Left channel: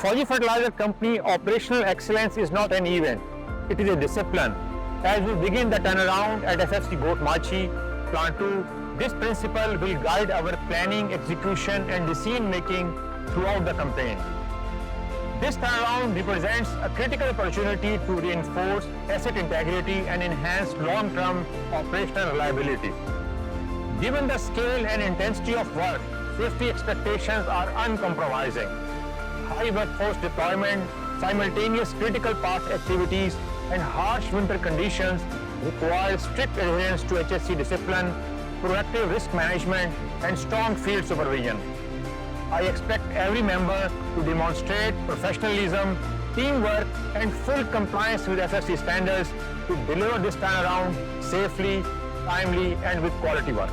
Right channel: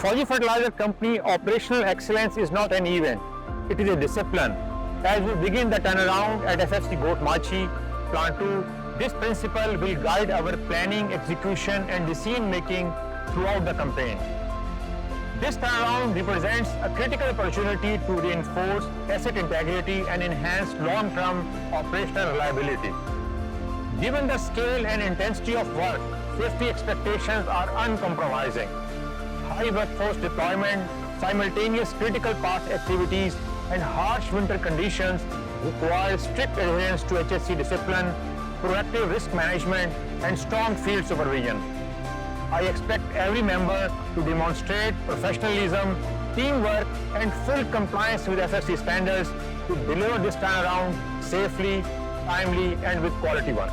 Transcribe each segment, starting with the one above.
Fauji Fertilizer Company, operational excellence is not an event, it is a discipline. As we begin the turnaround at FFC Goat Machi, Plant 2, this principle will guide our planning, execution and decision making throughout the campaign. This turnaround represents a critical opportunity to reinforce asset integrity and enhance long-term operational reliability. Given the scale and intensity of work, safety expectations are uncompromising. High workforce deployment, simultaneous critical path activities, and harsh winter conditions require strict adherence to HSC discipline, proactive risk management, and strong field supervision. I expect every member to demonstrate professionalism, teamwork, and full compliance with FFC standards to deliver this turnaround safely, timely, and with quality work.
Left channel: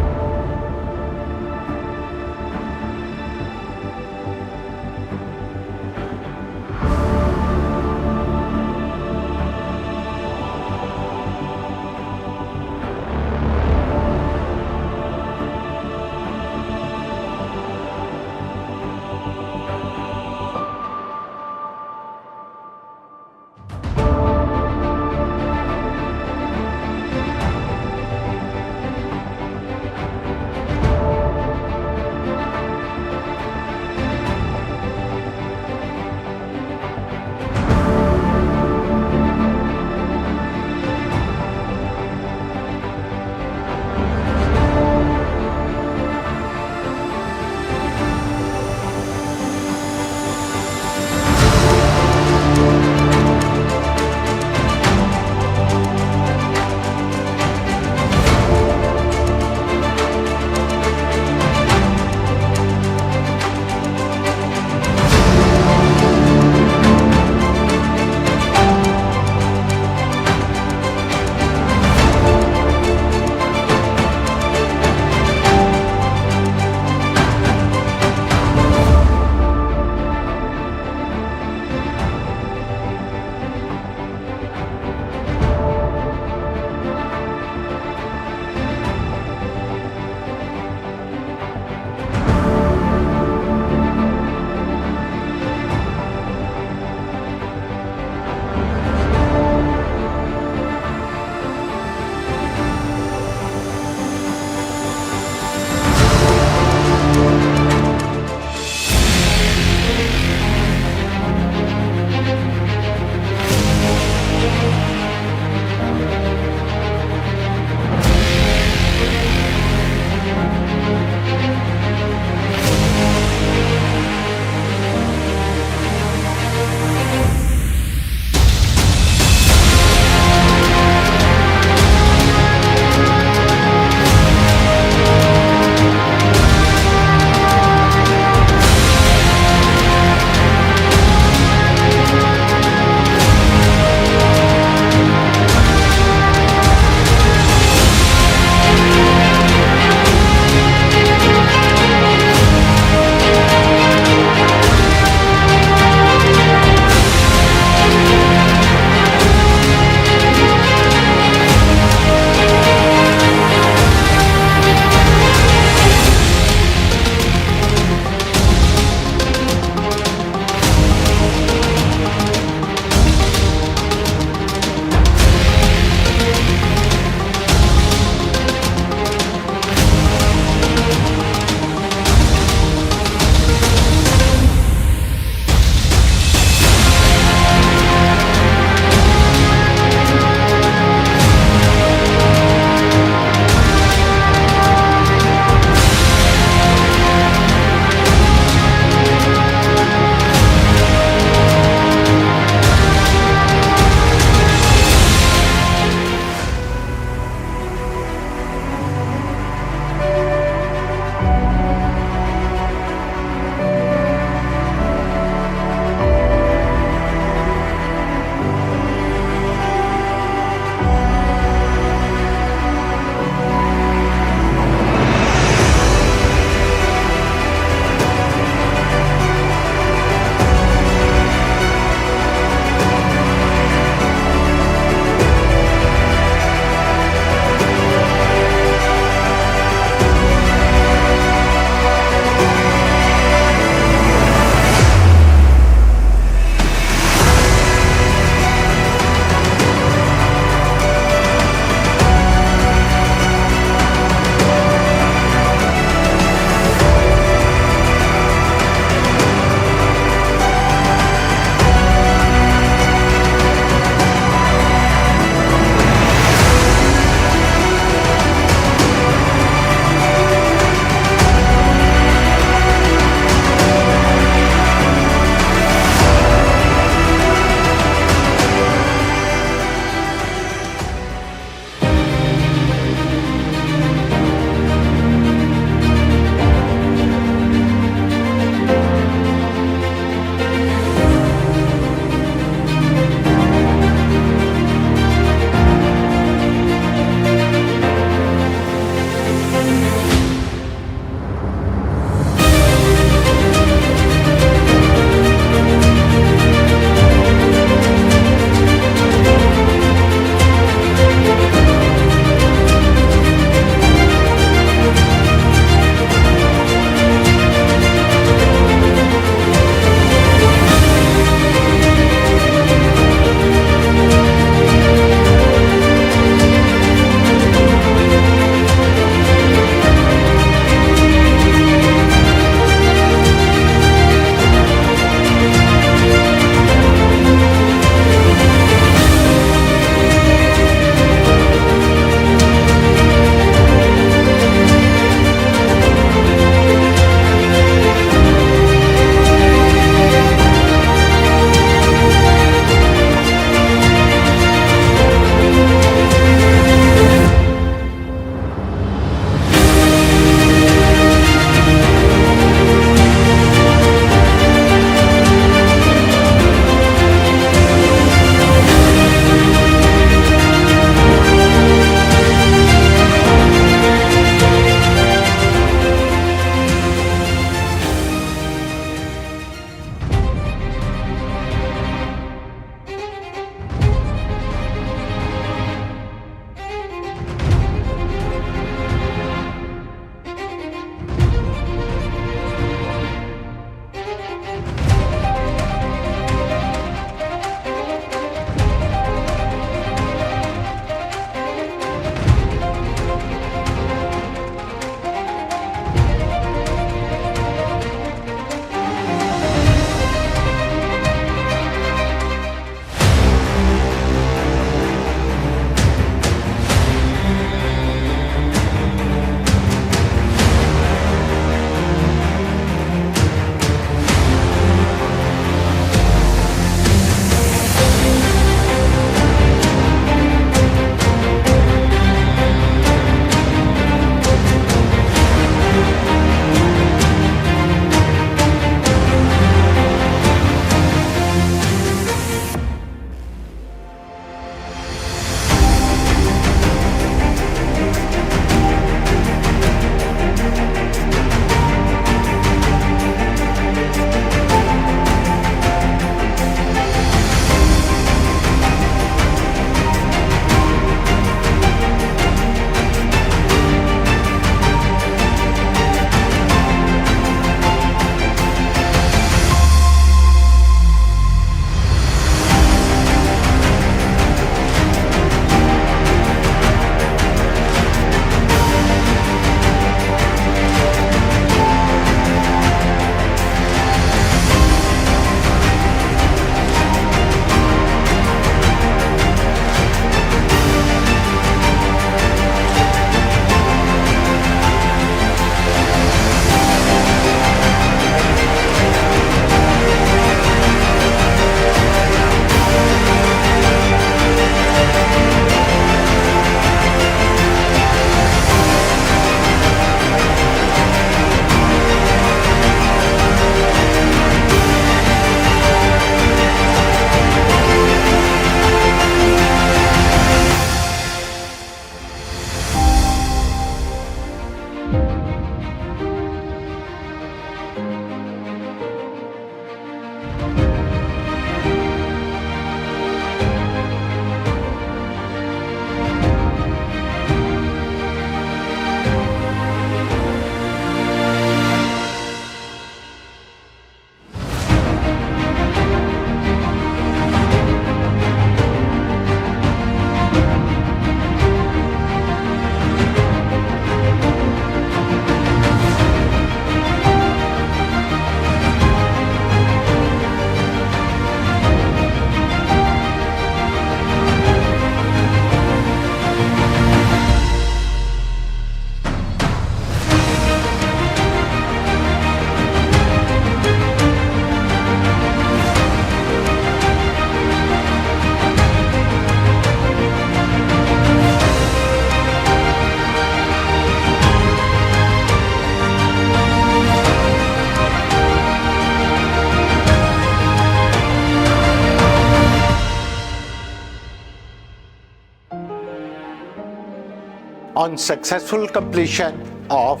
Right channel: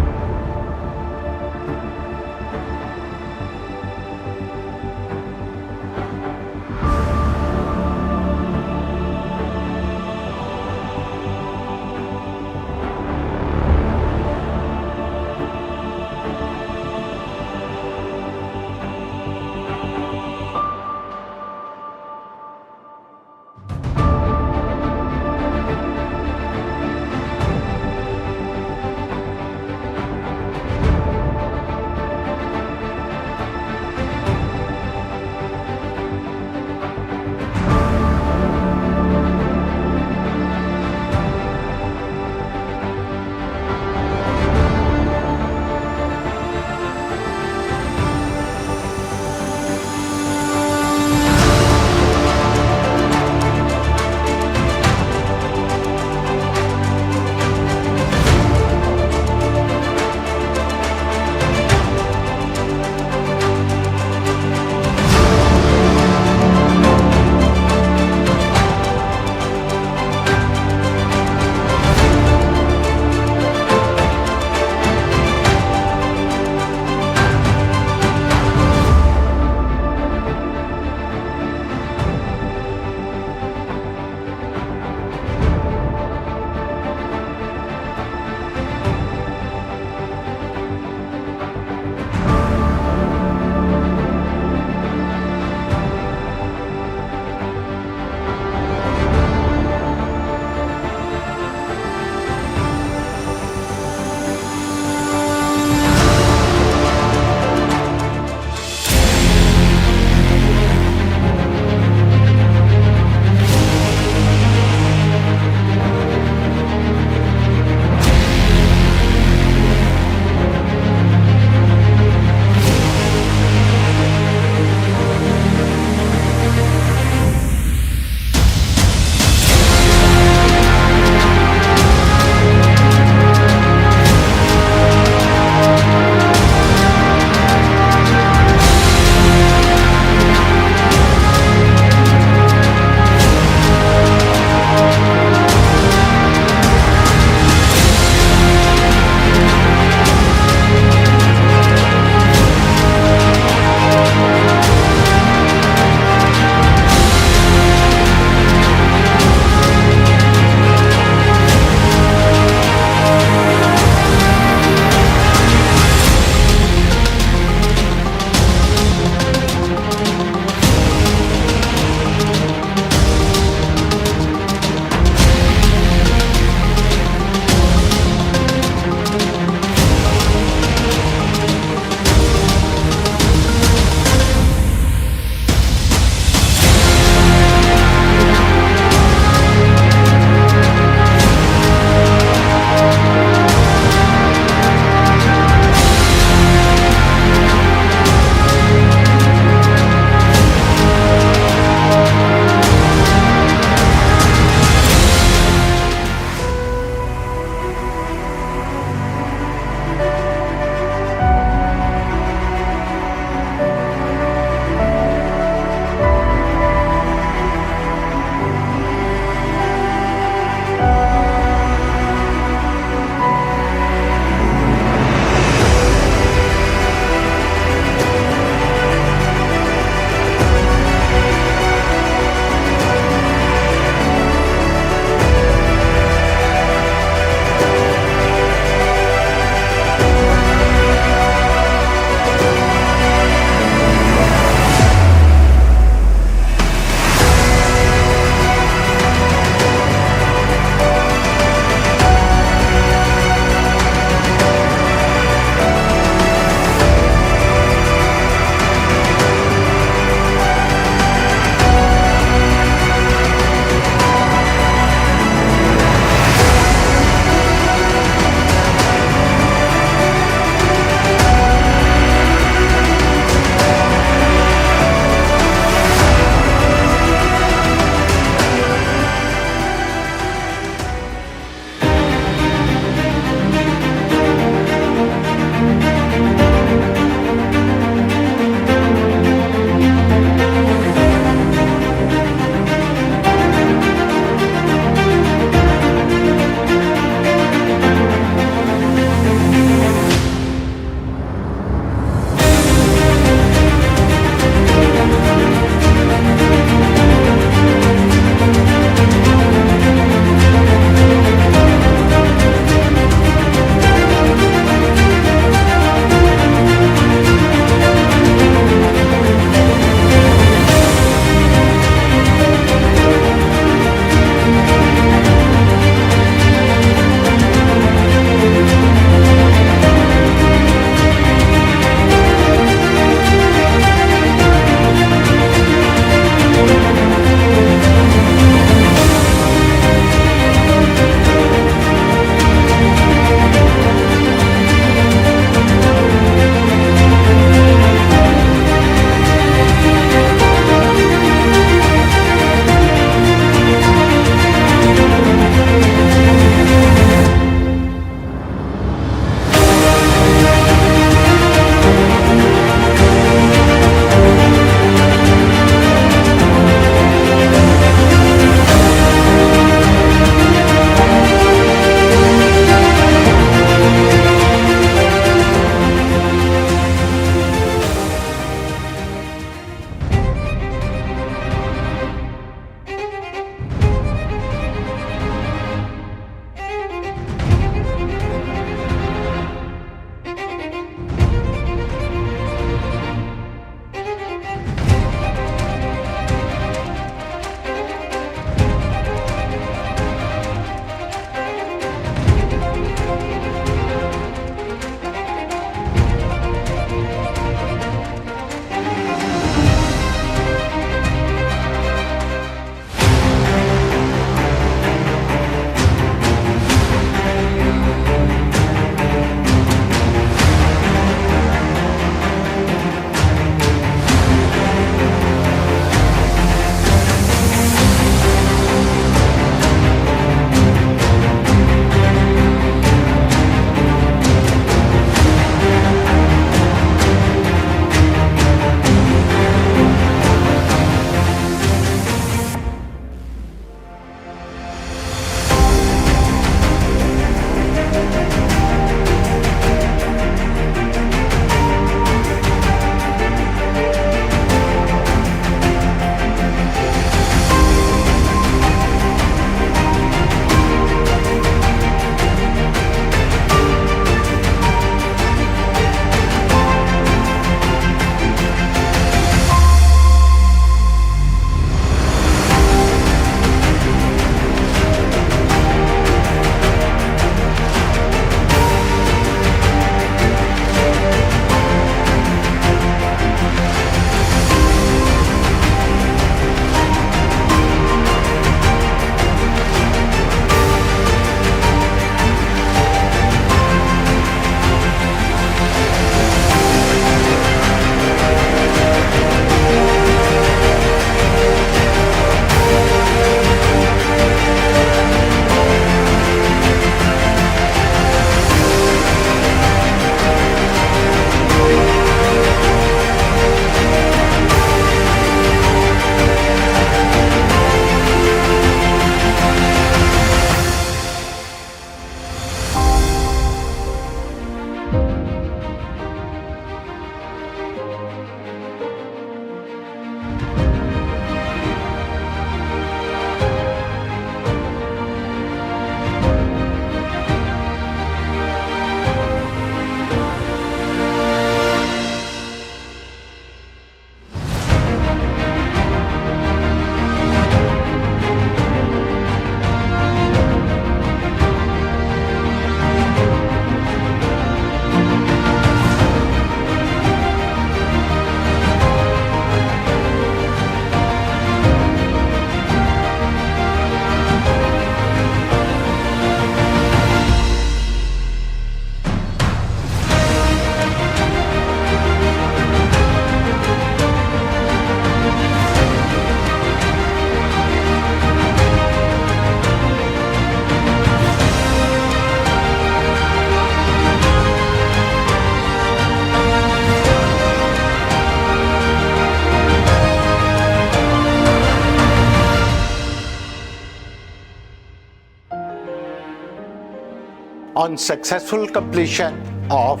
On successful completion of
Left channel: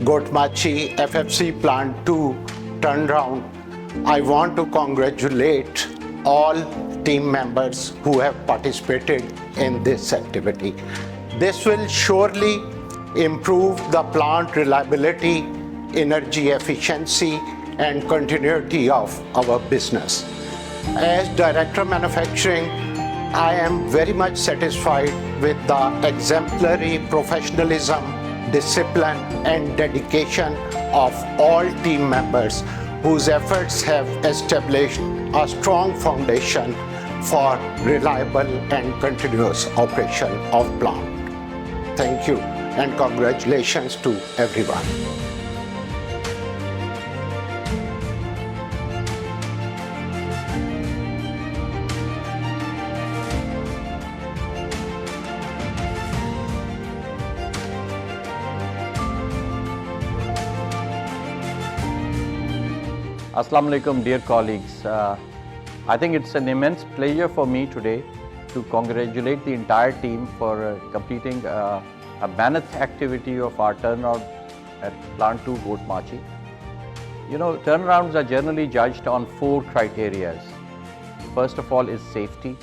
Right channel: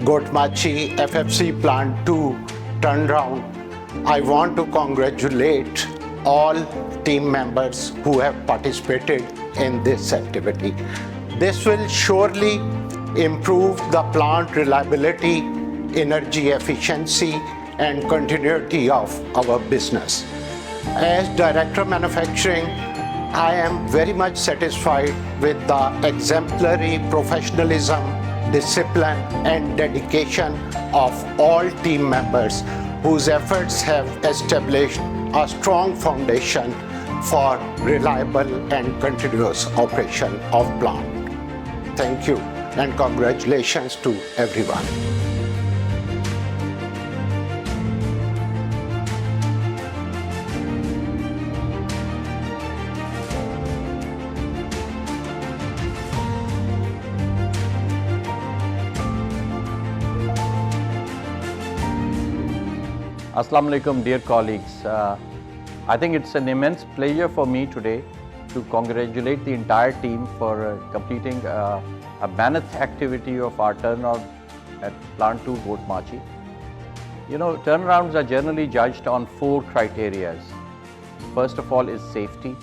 Gotmachi FFC Plant 2 turnaround, I want to congratulate all team members who have participated in this activity. This will surely improve the plant reliability, energy efficiency, and continuity of our business. As Director Manufacturing, I am very much satisfied with the exemplary professionalism, discipline, and dedication of all team members whose efforts have established a strong foundation for reliable and continuous operation of plant. Thank you and congratulations to everyone. Assalamu alaikum, dear colleagues. I think it's an immense pleasure for me today to congratulate the entire team for completing a mammoth activity of our turnaround at Plant 2 Gotmachi. You know, turnarounds are generally judged on 4 criteria. First of all is safety,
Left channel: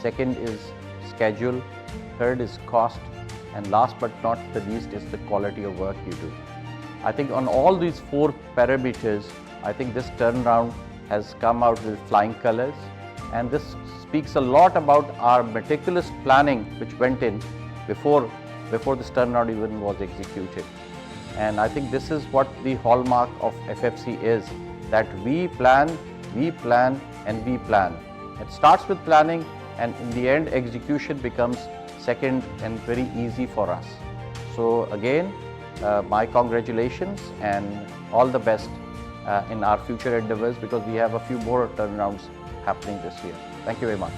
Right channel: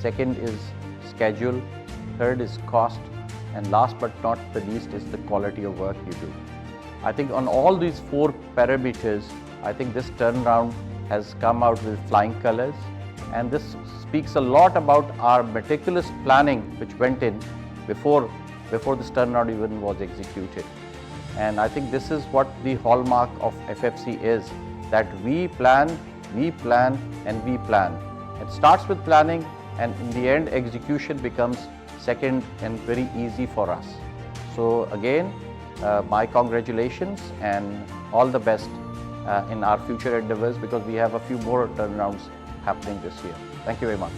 second is schedule, third is cost, and last but not the least is the quality of work you do. I think on all these 4 parameters, I think this turnaround has come out with flying colors, and this speaks a lot about our meticulous planning which went in before this turnaround even was executed. And I think this is what the hallmark of FFC is, that we plan, and we plan. It starts with planning, and in the end execution becomes second and very easy for us. So again, my congratulations and all the best in our future endeavors, because we have a few more turnarounds happening this year. Thank you very much.